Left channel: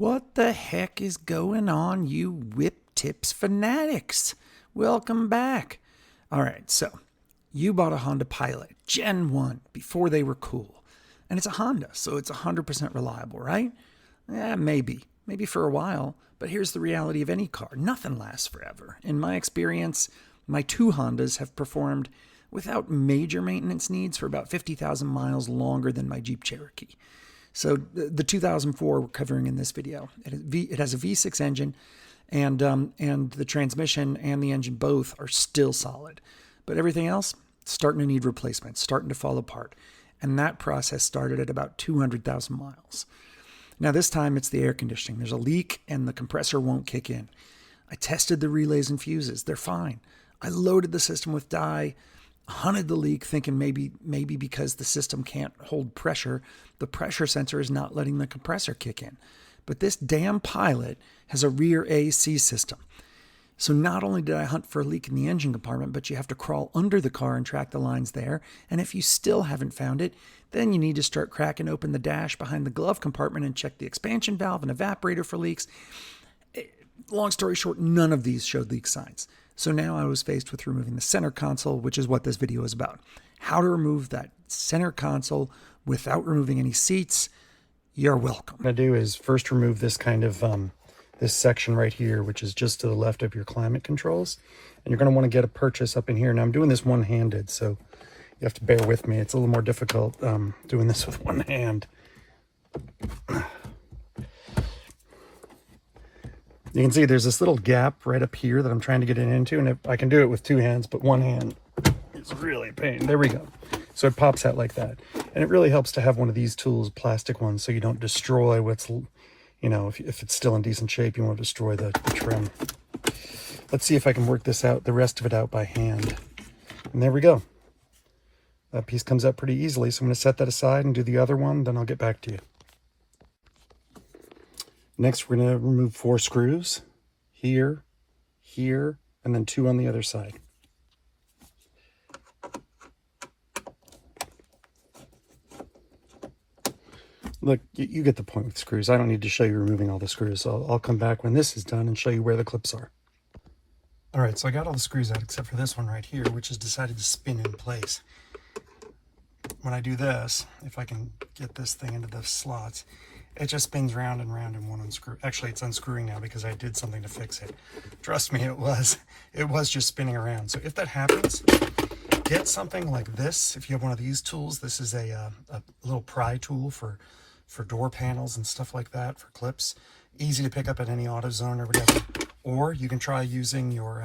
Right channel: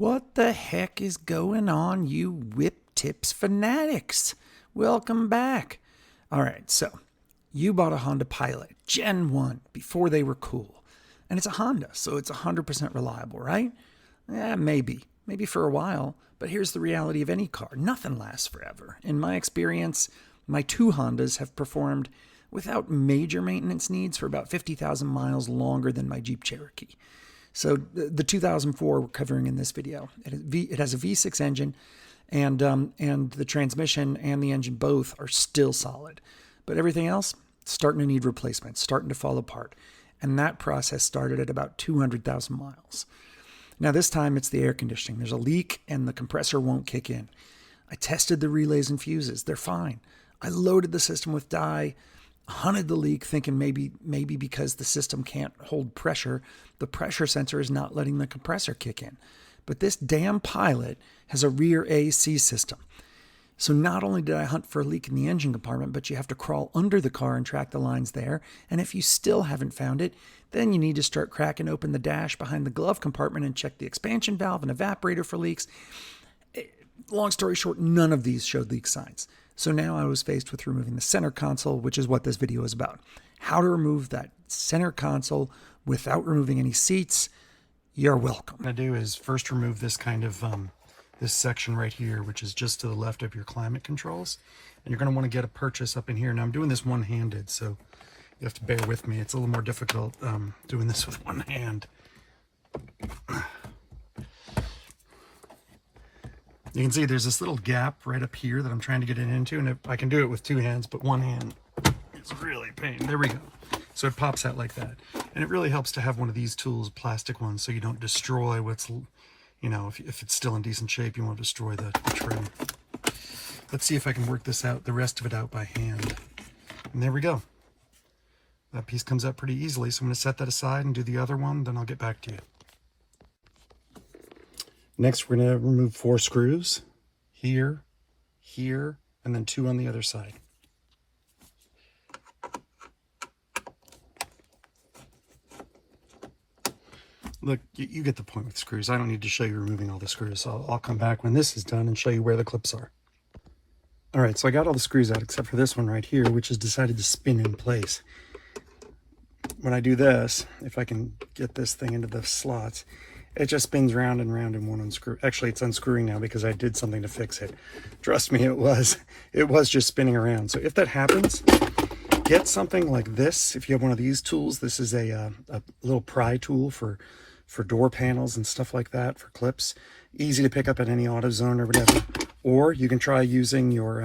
What the heck is going on, you whip tips fanatics? Welcome back. All right, so you bought a Honda Pilot Gen 1 before they were cool. And it's a Honda, so it's 100% reliable, right? Yeah, maybe. Maybe for a while. But here's the reality of any car. Nothing lasts forever. In my experience, my two Hondas have performed without major maintenance needs for about 50,000 miles longer than my Jeep Cherokee. So the 2004 we're covering in this video. It has a V6 engine, and the transmission and the engine both are still solid. But everything else, starting to need replacement, starting to fall apart. And that process started at about 200,000 miles. Now this time it's the air conditioning. There's a leak and the compressor won't kick in. I tested the relays and fuses. They're fine. I loaded the system with dye, hunted the leak, thinking maybe because the system can't hold pressure, the pressure sensor is not letting the compressor kick in. But this damn Pilot has a rear AC system. So not only did I hunt for a leak in the engine compartment, but you have to crawl under the car and track the lines there. And if you still haven't found it, then you need to start cracking open the dash behind the glove compartment and check the expansion valve and evaporator for leaks. Long story short, none of these showed leak signs. So now I was faced with removing the center console, which is what this video is about. How to remove that center console without removing any seats. You're welcome. What I'm going to do is first remove this kind of, this section right here, which is just to the left of your climate controls. And you're going to want to get a purchase up in here. Now I'm doing this one-handed, so you have to bear with me. It's a little more difficult doing this with one hand. You can see there's this little gap right up here that I'm trying to get it into, and I can do it with two hands, but one hand is really a pain. There we go. So it pops out like that. And it really helps to have one of these tools, plastic ones, so you don't destroy what's, you know, if it's still in decent shape, you won't destroy the trim. Let's see if I can work this out, the rest of it out by hand. And there we go. That piece comes out pretty easily, so I'm going to set that aside and do the other one, then I'll get back to you. Next, we're going to remove 4 screws, here, here, and then 2 on the other side. Look, you get the point with screws. I don't need to show you removing all the screws, so I'll come back when this is done and show you where the clips are. All right, so I got all the screws out except for this one right here, which has decided to spin in place. When I do this, if I can get this thing into the slots, it just spins round and round and won't unscrew. Actually, it's unscrewing now because I did something to fix it. Trust me, it was just spinning around. So if that happens, get something like this. If you have one of these tools, this is a little pry tool for door panels and stuff like that, for clips. Easy to pick up at any AutoZone or whatever. Or you can try using your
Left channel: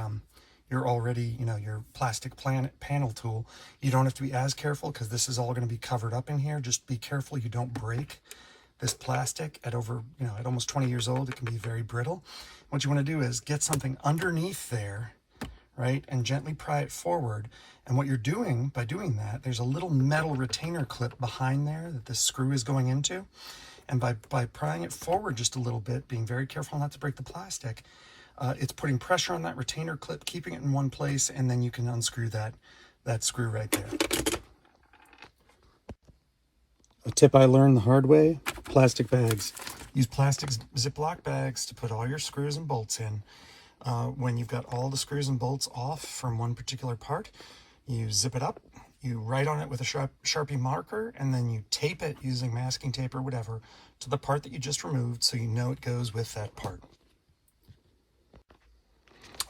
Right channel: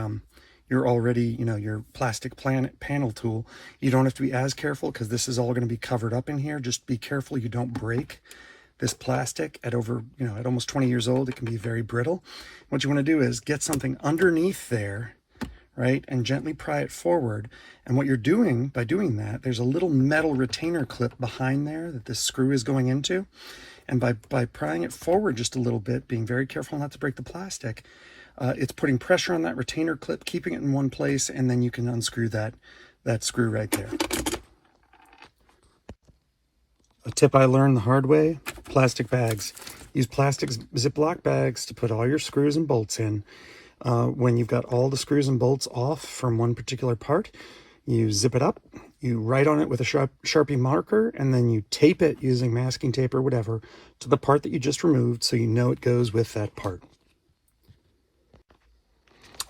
already, your plastic panel tool. You don't have to be as careful because this is all going to be covered up in here. Just be careful you don't break this plastic at at almost 20 years old. It can be very brittle. What you want to do is get something underneath there, right, and gently pry it forward. And what you're doing by doing that, there's a little metal retainer clip behind there that this screw is going into. And by prying it forward just a little bit, being very careful not to break the plastic, it's putting pressure on that retainer clip, keeping it in one place, and then you can unscrew that screw right there. A tip I learned the hard way, plastic bags. Use plastic Ziploc bags to put all your screws and bolts in. When you've got all the screws and bolts off from one particular part, you zip it up, you write on it with a Sharpie marker, and then you tape it using masking tape or whatever to the part that you just removed so you know it goes with that part.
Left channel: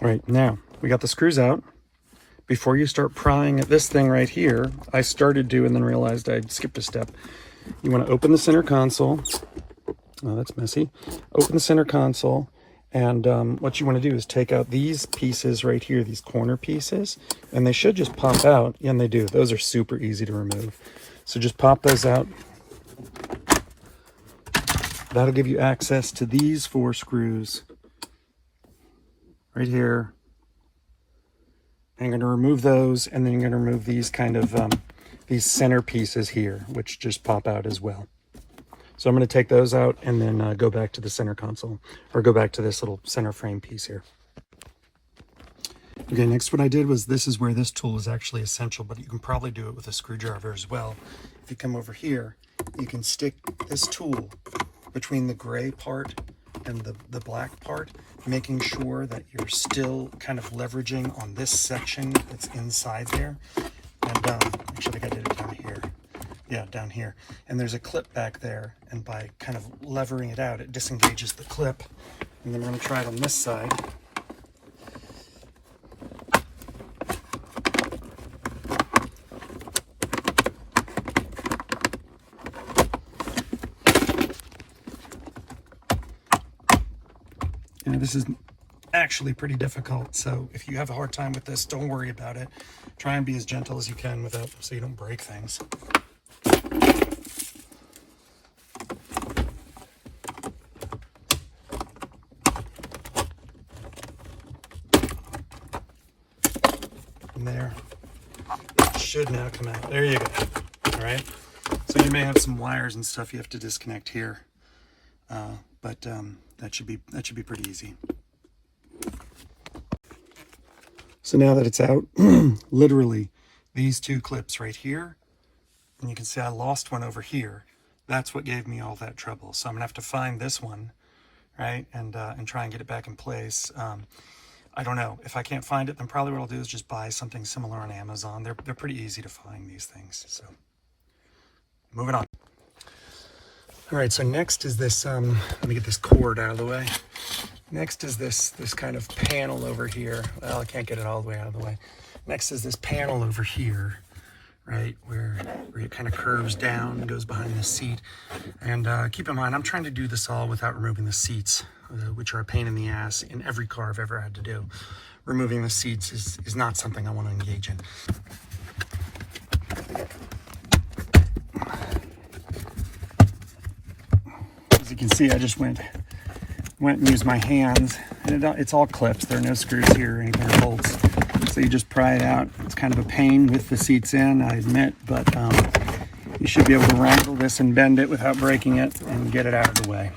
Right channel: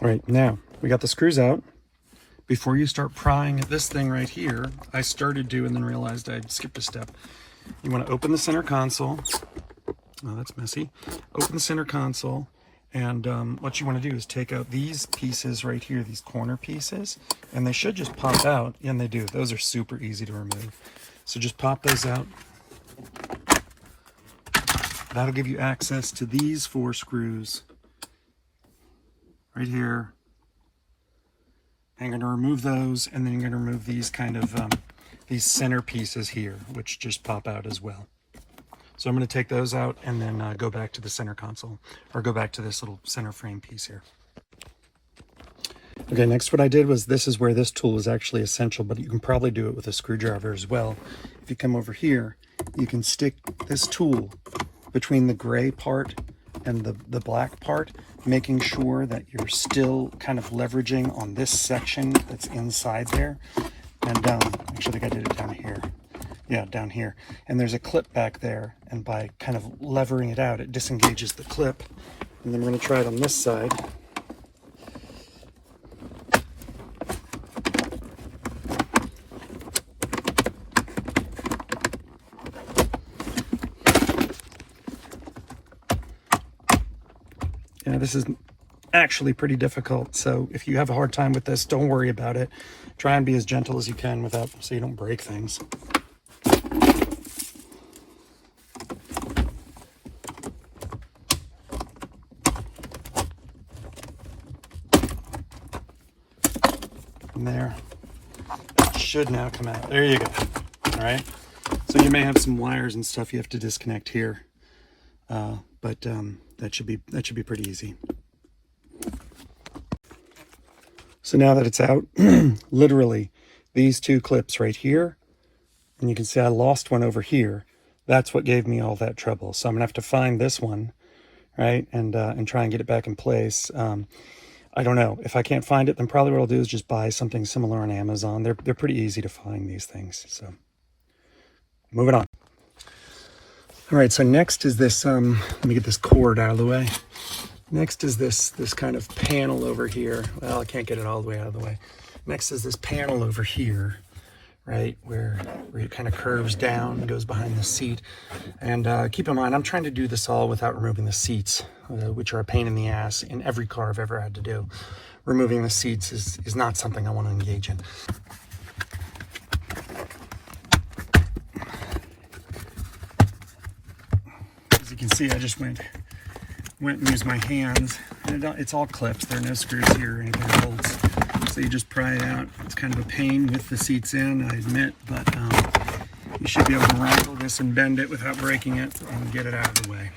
All right, now we got the screws out. Before you start prying at this thing right here, I started to and then realized I'd skipped a step. You want to open the center console. Oh, that's messy. Open the center console, and what you want to do is take out these pieces right here, these corner pieces, and they should just pop out, and they do. Those are super easy to remove. So just pop those out. That'll give you access to these 4 screws right here. And you're going to remove those, and then you're going to remove these kind of these center pieces here, which just pop out as well. So I'm going to take those out and then go back to the center console, or go back to this little center frame piece here. Okay, next what I did was, this is where this tool is actually essential, but you can probably do it with a screwdriver as well. If you come over here, you can stick this tool between the gray part and the black part, making sure that you're still kind of leveraging on this section that's inside there. And actually, I think I did it down here. Yeah, down here. And there's a clip back there, and by kind of levering it out, it disengages the clip. And then we're going to try it on this side. You know, this is actually pretty difficult, so if you have a hard time with this, don't worry about it. Try and be as gentle as you can without, so you don't break things. And there, it should now come out. There you go. All right. So you may have some wires and stuff you have to disconnect here, but that should be pretty easy. So now that it's out, literally these two clips right here, and you can see I lost one over here. That's what gave me all that trouble. So I'm gonna have to find this one, right, and try and get it back in place. I don't know. If I can't find it, then probably what I'll do is just buy something similar on Amazon. They're pretty easy to find, these things. So moving on. All right, so next is this, let me get this cord out of the way. Next is this kind of panel over here. Well, I can't get it all the way out of the way. Next is this panel over here, right, where it kind of curves down and goes behind the seat. And keep in mind, I'm trying to do this all without removing the seats, which are a pain in the ass in every car I've ever had to do. Removing the seats is not something I want to engage in. As you can see, I just went and used my hands, and it's all clips. There are no screws here or anything, or bolts. So you just pry it out. It's kind of a pain with the seats in, I admit, but you should be able to wrangle this and bend it without breaking it and get it out of the way.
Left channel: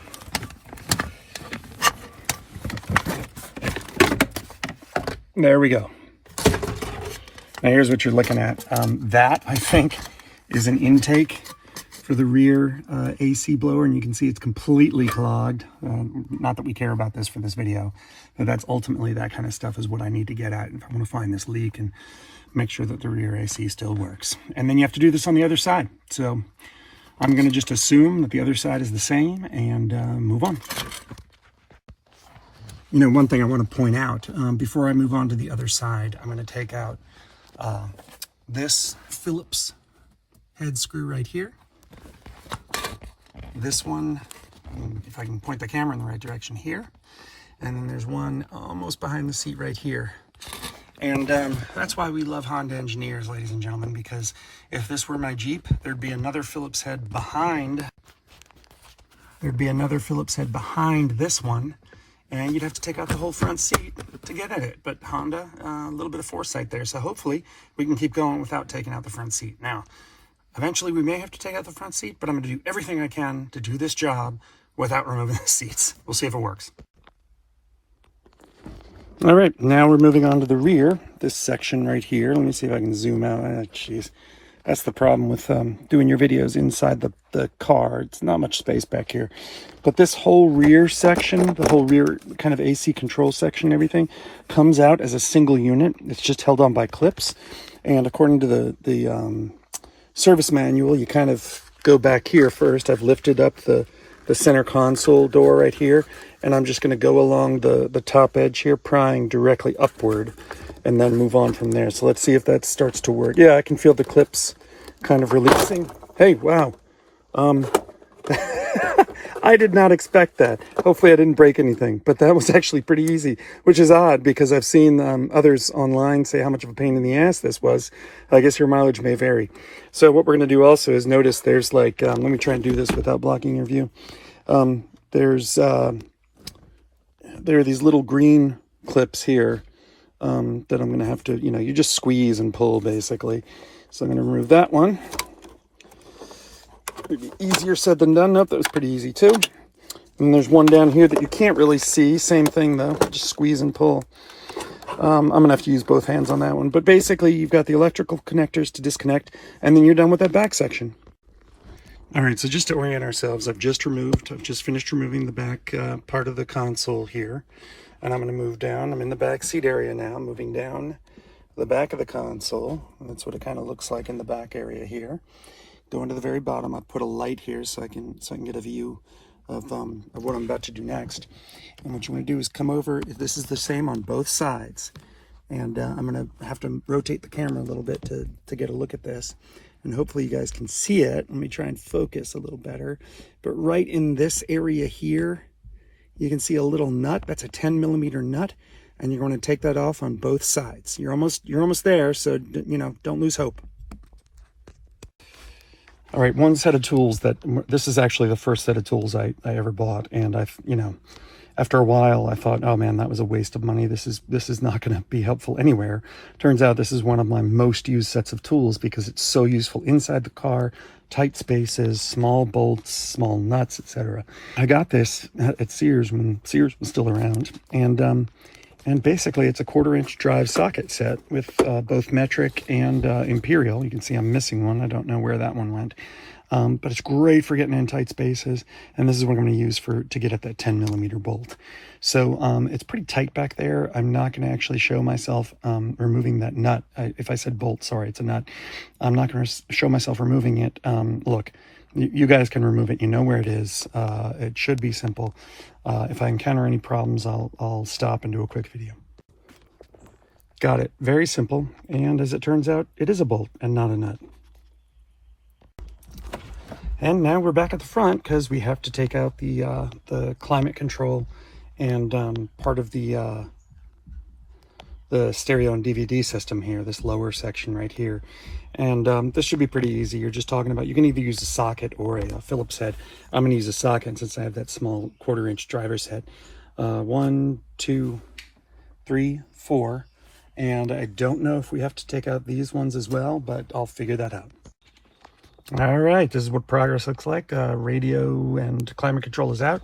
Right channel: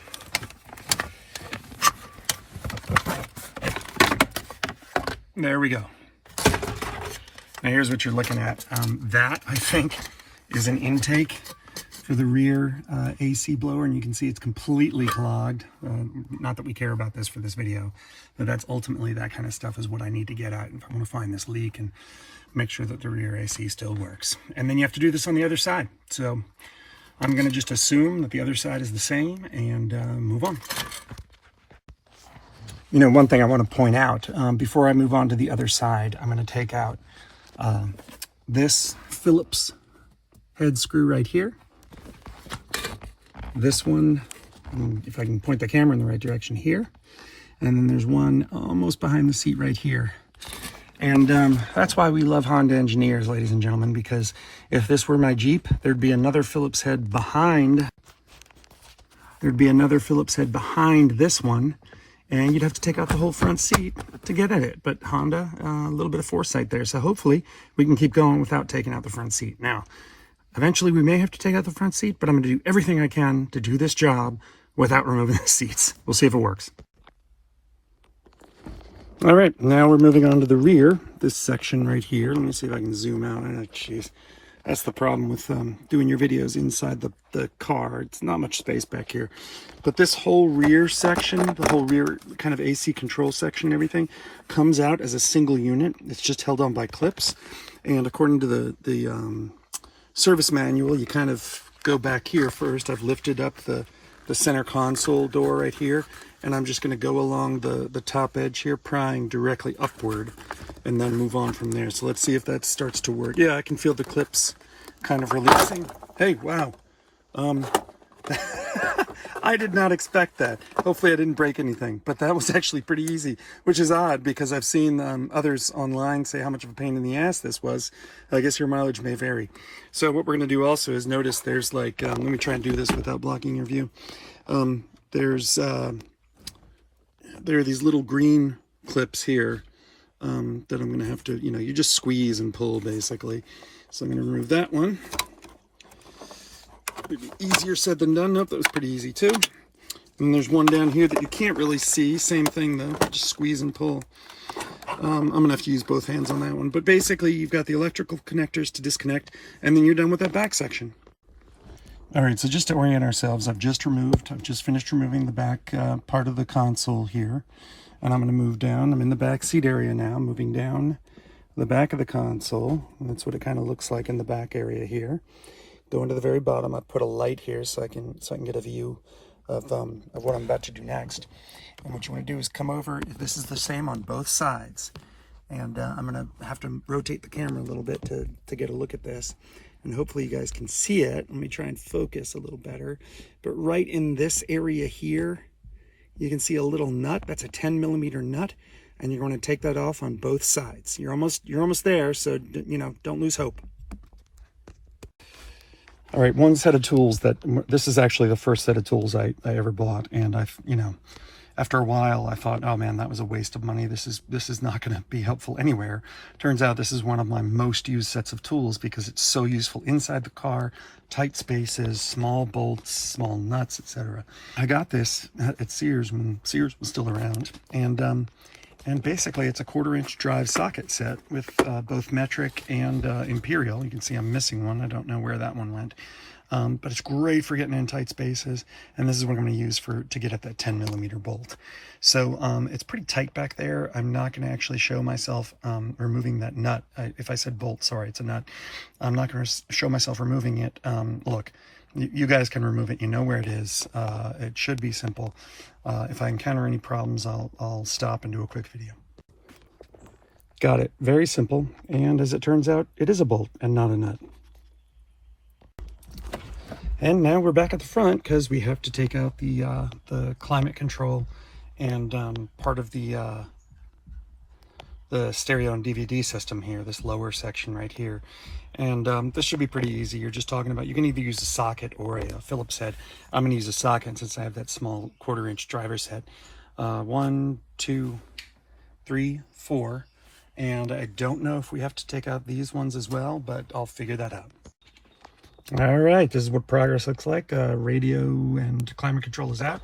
There we go. Now here's what you're looking at. That, I think, is an intake for the rear AC blower, and you can see it's completely clogged. Not that we care about this for this video, but that's ultimately, that kind of stuff is what I need to get at if I want to find this leak and make sure that the rear AC still works. And then you have to do this on the other side. So I'm going to just assume that the other side is the same and move on. You know, one thing I want to point out, before I move on to the other side, I'm going to take out this Phillips head screw right here. This one, if I can point the camera in the right direction, here. And then there's one almost behind the seat right here. And that's why we love Honda engineers, ladies and gentlemen, because if this were my Jeep, there'd be another Phillips head behind. There'd be another Phillips head behind this one, and you'd have to take out the whole front seat to get at it. But Honda, a little bit of foresight there. So hopefully we can keep going without taking out the front seat. Now, eventually we may have to take out the front seat, but I'm going to do everything I can to do this job without removing the seats. We'll see if it works. All right, now we're moving on to the rear, this section right here. Let me see if I can zoom out. Oh, jeez. That's the problem with doing your videos inside the car. It's not much space back here. But this whole rear section, the whole rear kind of AC control section and everything, comes out as a single unit. It's just held on by clips. And according to the service manual, you kind of go back here first. I've lifted up the center console door right here, and I'm just going to go along the top edge here, prying directly upward, and then move on from there. So let's see if that starts to work. Yeah, I can feel the clips kind of releasing. Hey, wow. I did not expect that. Hopefully I didn't break anything, but that was actually pretty easy, which is odd because I've seen others online say how much of a pain in the ass this was. I guess your mileage may vary. So what we're going to do also is notice there's like, let me try and do this without blocking your view. There are these little green clips here that I'm going to have to, you just squeeze and pull basically. So I'm going to remove that one. Maybe easier said than done. Nope, that was pretty easy too. And there's one down here that you can't really see. Same thing though, just squeeze and pull. I'm gonna have to use both hands on that one. But basically you've got the electrical connectors to disconnect, and then you're done with that back section. All right, so just to orient ourselves, I've just finished removing the back part of the console here. And I'm going to move down. I'm in the back seat area now, moving down the back of the console. And that's what it kind of looks like in the back area here. Going to the very bottom, I put a light here so I can get a view of what I'm about to do next. And what you want to do is come over. This is the same on both sides. And I'm going to have to rotate the camera a little bit to get a look at this. And hopefully you guys can see it. Let me try and focus a little better. But right in this area here, you can see a little nut. That's a 10 millimeter nut. And you're going to take that off on both sides. You're almost there, so don't lose hope. All right, one set of tools this is actually the first set of tools I ever bought. And after a while, I thought, oh man, that was a waste of money. This is not going to be helpful anywhere. Turns out this is one of my most used sets of tools because it's so useful inside the car, tight spaces, small bolts, small nuts, etc. I got this at Sears when Sears was still around, and basically it's a 1/4-inch drive socket set with both metric and imperial. You can see I'm missing one. I don't know where that one went. But it's great for getting in tight spaces, and this is what I'm going to use to get at that 10 millimeter bolt. So it's pretty tight back there. I'm not going to actually show myself removing that nut. If I said bolt, sorry, it's a nut. I'm not going to show myself removing it. Look, you guys can remove it. You know where it is. It should be simple. If I encounter any problems, I'll stop and do a quick video. Got it. Very simple. And as it turns out, it is a bolt and not a nut. And now we're back at the front because we have to take out the climate control and part of the stereo and DVD system here, this lower section right here. And this should be pretty easy. You're just talking about, you can either use a socket or a Phillips head. I'm going to use a socket since I have that small 1/4-inch driver's head. 1, 2, 3, 4. And I don't know if we have to take out these ones as well, but I'll figure that out. All right, this is what progress looks like. Radio and climate control is out.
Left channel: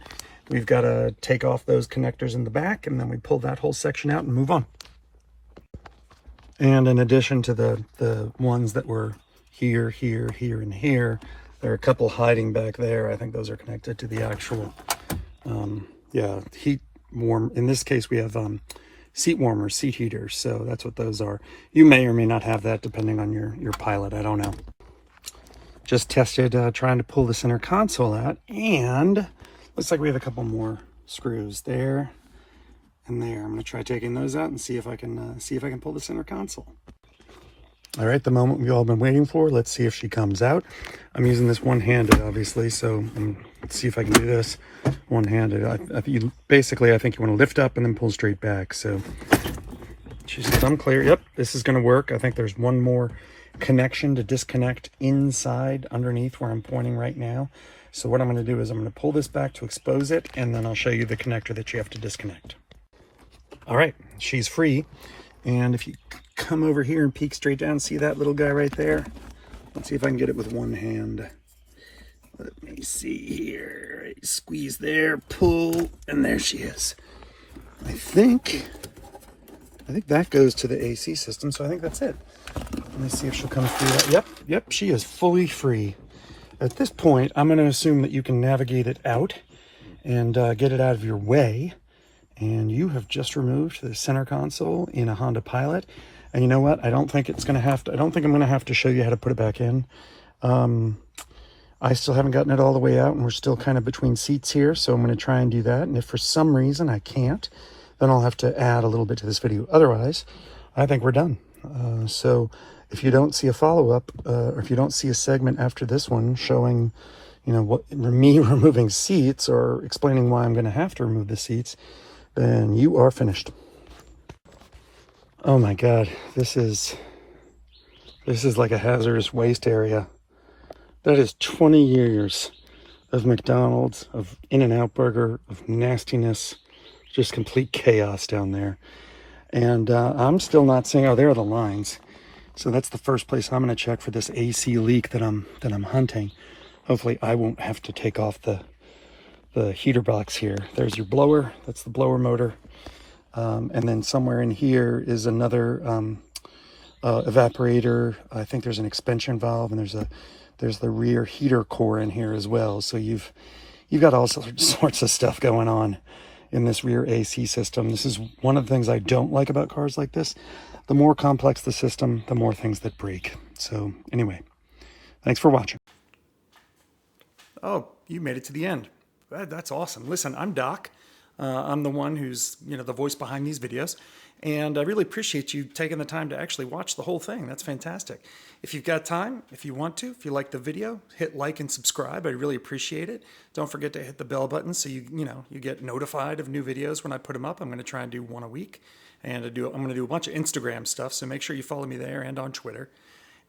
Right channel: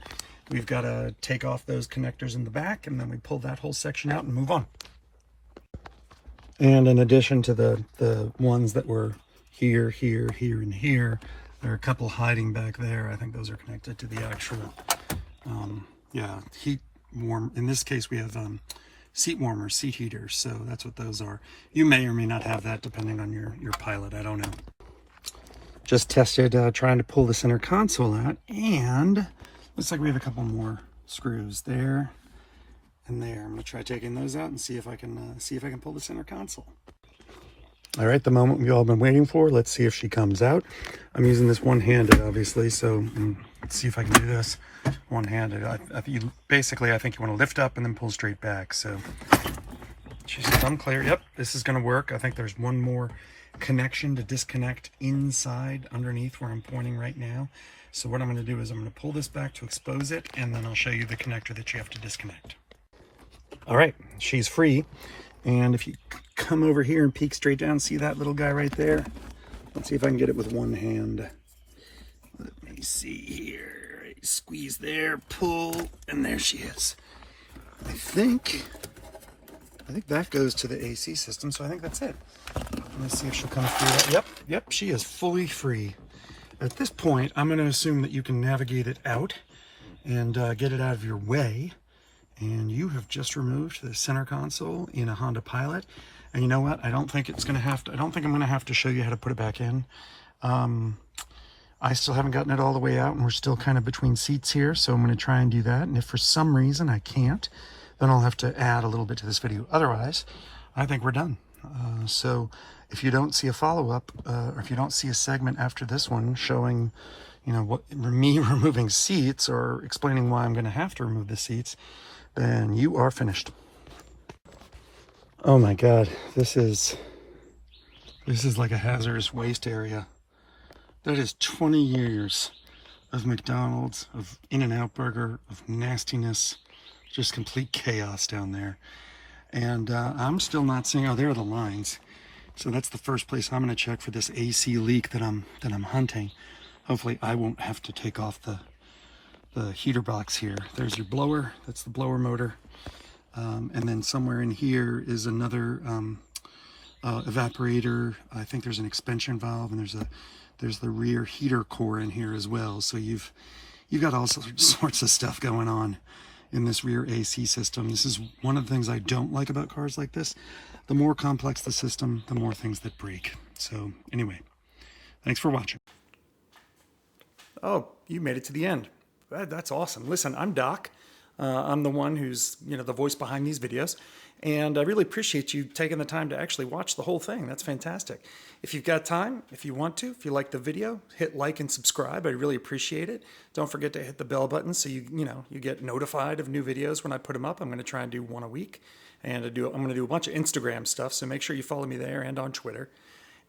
We've got to take off those connectors in the back, and then we pull that whole section out and move on. And in addition to the ones that were here, here, here, and here, there are a couple hiding back there. I think those are connected to the actual, heat warm. In this case, we have seat warmers, seat heaters. So that's what those are. You may or may not have that depending on your Pilot. I don't know. Just tested trying to pull the center console out, and looks like we have a couple more screws there and there. I'm going to try taking those out and see if I can pull the center console. All right, the moment we've all been waiting for. Let's see if she comes out. I'm using this one-handed, obviously, so let's see if I can do this one-handed. Basically, I think you want to lift up and then pull straight back. So she's unclear. Yep, this is going to work. I think there's one more connection to disconnect inside underneath where I'm pointing right now. So what I'm going to do is I'm going to pull this back to expose it, and then I'll show you the connector that you have to disconnect. All right, she's free. And if you come over here and peek straight down, see that little guy right there? Let's see if I can get it with one hand. Let me see here. Squeeze there, pull, and there she is. I think that goes to the AC system, so I think that's it. Let me see if she'll come through. Yep, she is fully free. At this point, I'm going to assume that you can navigate it out and get it out of your way. And you have just removed the center console in a Honda Pilot. And you know what? I don't think I'm going to have to show you how to put it back in. I still haven't gotten it all the way out, and we're still kind of between seats here. So I'm going to try and do that. And if for some reason I can't, then I'll have to add a little bit to this video. Otherwise, I think we're done. So if you don't see a follow-up, or if you don't see a segment after this one showing, me removing seats or explaining why I'm going to have to remove the seats, then you are finished. Oh my God, this is like a hazardous waste area. That is 20 years of McDonald's, of In-N-Out Burger, of nastiness, just complete chaos down there. And I'm still not seeing, oh, there are the lines. So that's the first place I'm going to check for this AC leak that I'm hunting. Hopefully I won't have to take off the heater box here. There's your blower. That's the blower motor. And then somewhere in here is another evaporator. I think there's an expansion valve, and there's There's the rear heater core in here as well. So you've got all sorts of stuff going on in this rear AC system. This is one of the things I don't like about cars like this. The more complex the system, the more things that break. So anyway, thanks for watching. Oh, you made it to the end. That's awesome. Listen, I'm Doc. I'm the one who's, the voice behind these videos. And I really appreciate you taking the time to actually watch the whole thing. That's fantastic. If you've got time, if you want to, if you like the video, hit like and subscribe. I really appreciate it. Don't forget to hit the bell button so you get notified of new videos when I put them up. I'm going to try and do one a week. And I'm going to do a bunch of Instagram stuff, so make sure you follow me there and on Twitter.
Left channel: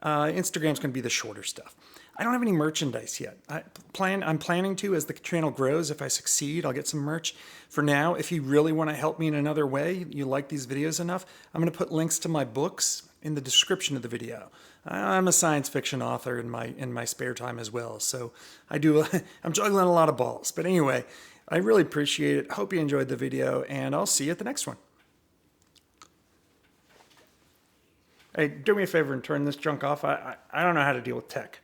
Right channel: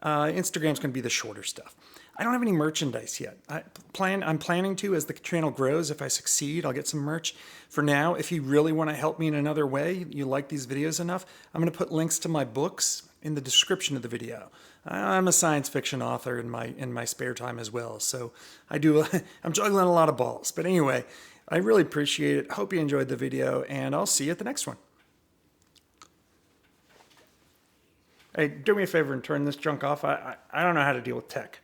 Instagram's going to be the shorter stuff. I don't have any merchandise yet. I'm planning to as the channel grows. If I succeed, I'll get some merch. For now, if you really want to help me in another way, you like these videos enough, I'm going to put links to my books in the description of the video. I'm a science fiction author in my spare time as well, so I'm juggling a lot of balls. But anyway, I really appreciate it. Hope you enjoyed the video, and I'll see you at the next one. Hey, do me a favor and turn this junk off. I don't know how to deal with tech.